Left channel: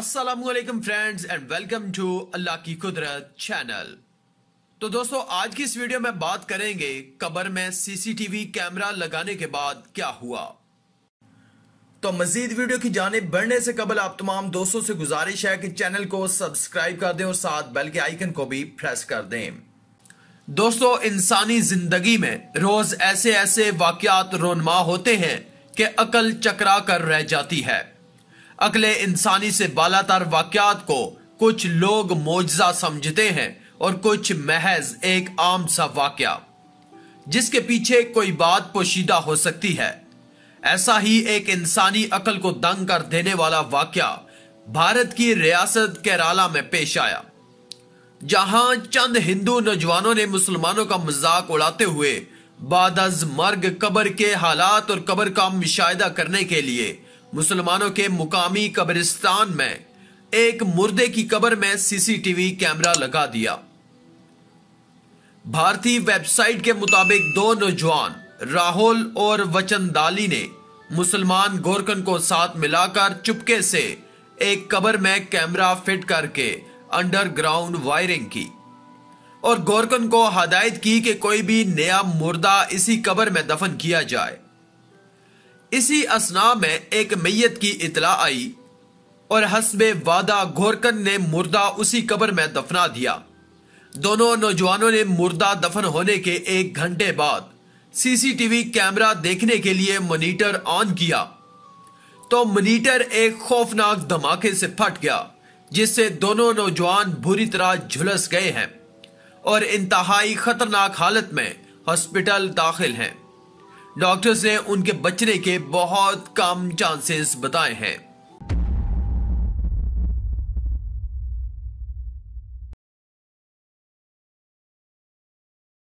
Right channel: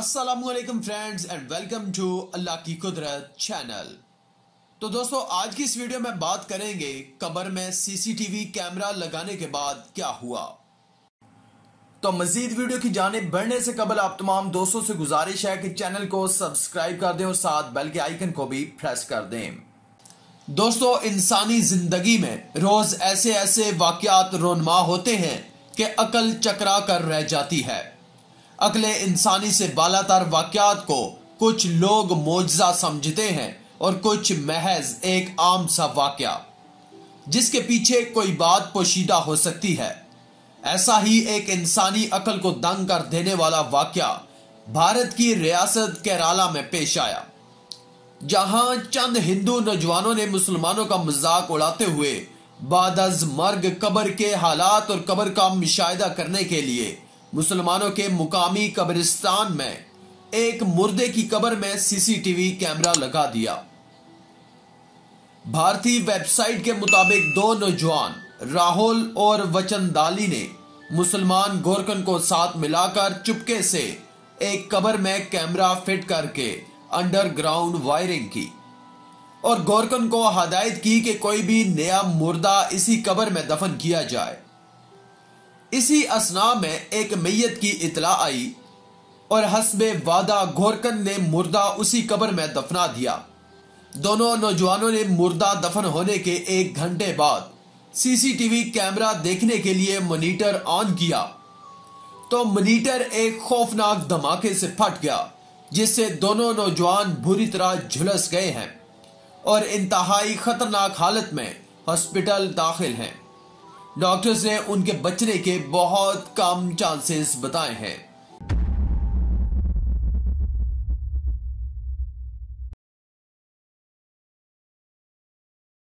अस्सलामुअलैकुम friends and welcome to Allah की कुदरत चैनल। तो दोस्तों, आज की इस वीडियो में बात करेंगे कब्र में सीसीटीवी कैमरा लगाने के बाद क्या हुआ। तो मजीद वीडियो की जानिब बढ़ने से कबल आप तमाम दोस्तों से गुजारिश है कि चैनल को सब्सक्राइब कर दें और साथ बेल के आइकन को भी प्रेस कर दें। दोस्तों, इंसानी जिंदगी में रोज ऐसे ऐसे वाकयात रोनमा होते हैं कि अकल चकरा कर रह जाती है। अकले इंसानी से बालातर वाकयात को कुछ लोग मोजज़ा समझते हैं और कुछ महज एक आम सा वाकया जिसके पीछे कोई बात पोशीदा हो सकती है। ऐसा ही एक इंसानी अकल को दंग कर देने वाला वाकया भारत की रियासत केरला में पेश आया, जहां चंद हिंदू नौजवानों ने मुसलमानों का मजाक उड़ाते हुए बाद अज मर्ग कब्र के हालात और कब्र का मुशाहिदा करने के लिए मुसलमानों के मुकामी कब्रिस्तान में एक मुर्दे की कब्र में सीसीटीवी कैमरा लगा दिया। भारतीय वेबसाइट के मुताबिक दो नौजवान राहुल और वचनदाली ने मुसलमान गोरकन को साथ मिलाकर चुपके से एक कब्र में कैमरा फिट करके अंडरग्राउंड वायरिंग की और गोरकन को हदायत की कि कोई भी नया मुर्दा इसी कब्र में दफन किया जाए। इसी असना में एक मैयत की इतला आई और हस्बे वादा गोरकन ने मुर्दा उसी कब्र में दफना दिया। दोनों नौजवानों ने मुर्दा दफन होने के 1 घंटे बाद सीसीटीवी कैमरा देखने के लिए मॉनिटर ऑन किया तो मॉनिटर एक खौफनाक धमाके से फट गया, जिससे दोनों नौजवान बुरी तरह झुलस गए हैं और इंतहाई खतरनाक हालत में हॉस्पिटल दाखिल हैं। डॉक्टर्स ने उनके बचने के बहुत कम चांसेस बताए हैं।